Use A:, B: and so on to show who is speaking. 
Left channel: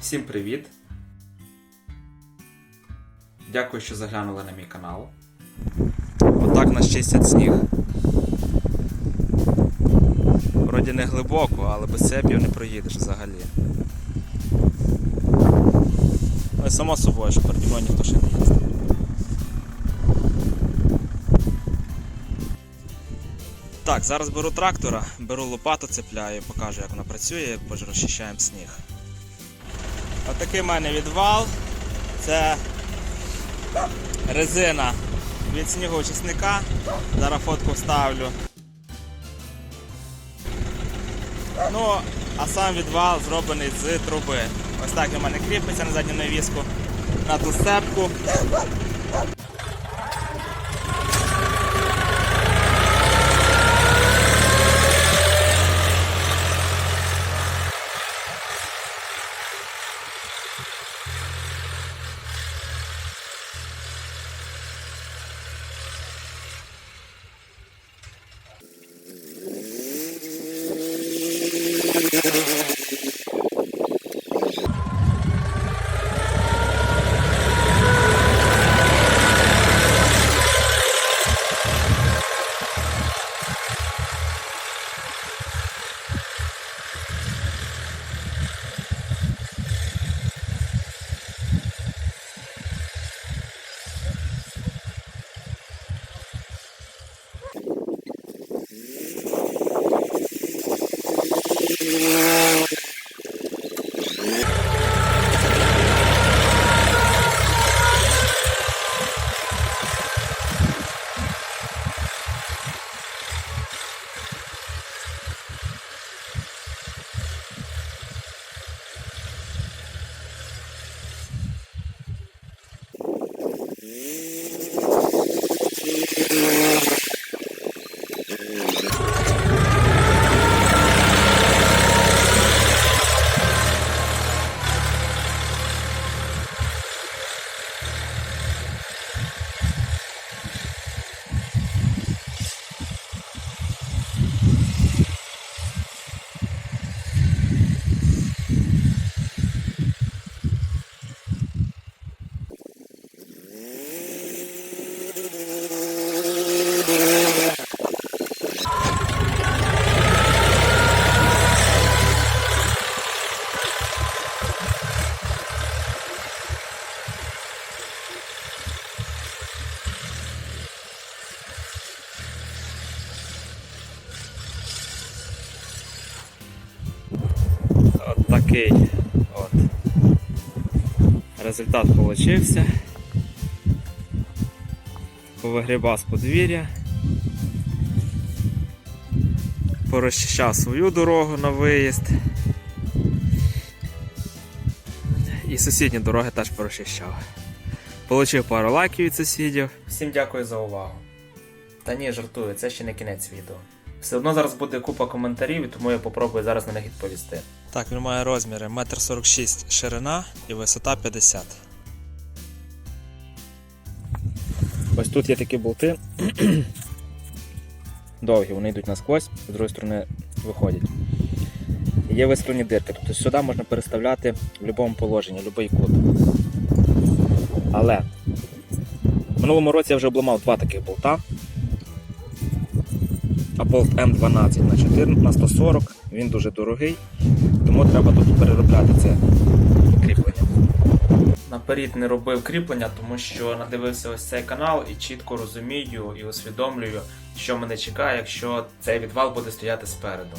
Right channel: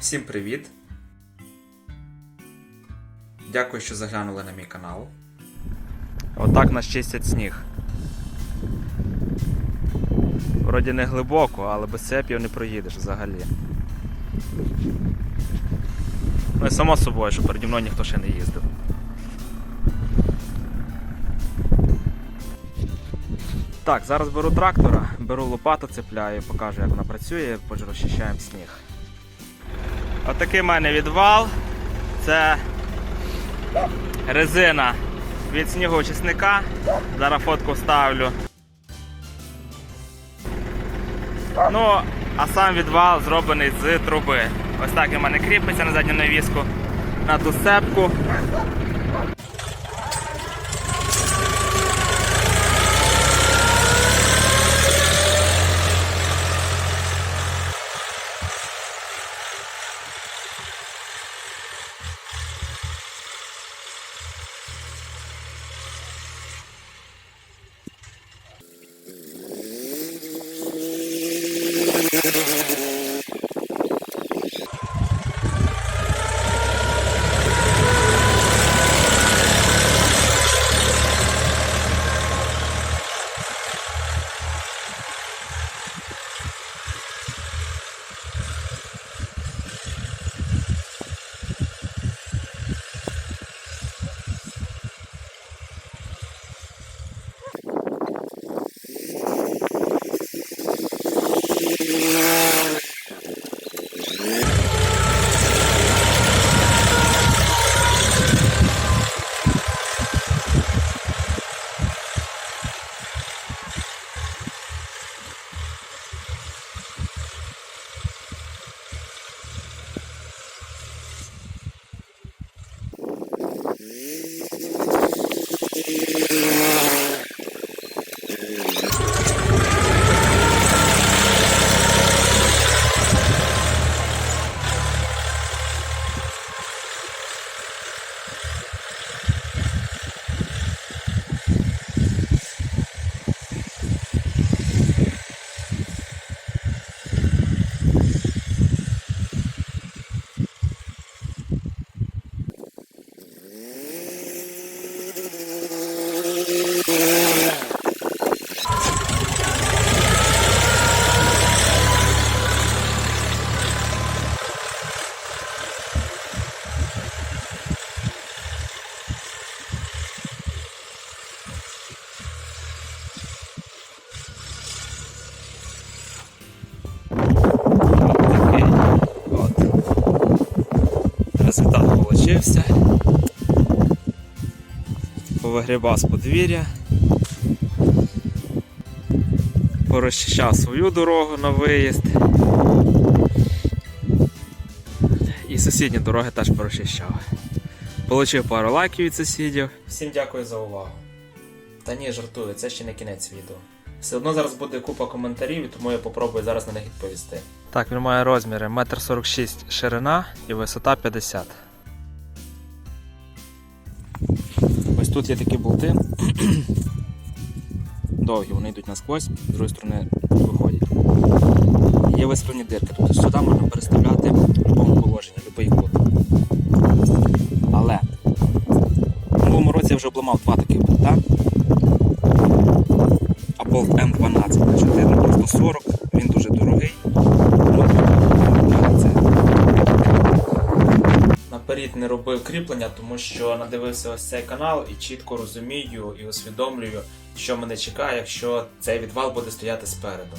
A: Всім привіт! Дякую, що заглянули на мій канал. Отак нас чистять сніг. Вроді не глибоко, але без цепів не проїдеш взагалі. Ну і само собою, що переді мною ніхто ще не їздив. Так, зараз беру трактора, беру лопату, цепляю, покажу, як вона працює, розчищаємо сніг. Отакий в мене відвал. Це резина від снігоочисника. Зараз фотку вставлю. Ну, а сам відвал зроблений з труби. Ось так і мене кріпиться на задню навіску на ту степку. Música от результат получився. Повигрібав з подвір'я. Порозчищав свою дорогу на виїзд. І сусідні дороги теж порозчищав. Получив пару лайків від сусідів. Всім дякую за увагу. Та ні, жартую, це ще не кінець відео. Все одно зараз буде купа коментарів, тому я попробую зараз на них відповісти. Так, він має розміри 1,46 м ширина і висота 50 Ось тут є такі болти. Довгі, вони йдуть насквозь, з другої сторони виходять. Є вистрілені дирки, тобто сюди можна переставляти в будь-якому положенні, будь-який кут. Але в минулому році я вже обламав два таких болта. А болт М12 на 4 на 140, він дуже дорогий, тому треба тут це кріплення. Наперед не робив кріплення, тому що надивився ось цей канал і чітко розумію і усвідомлюю, що мене чекає, якщо цей відвал буде стояти спереду.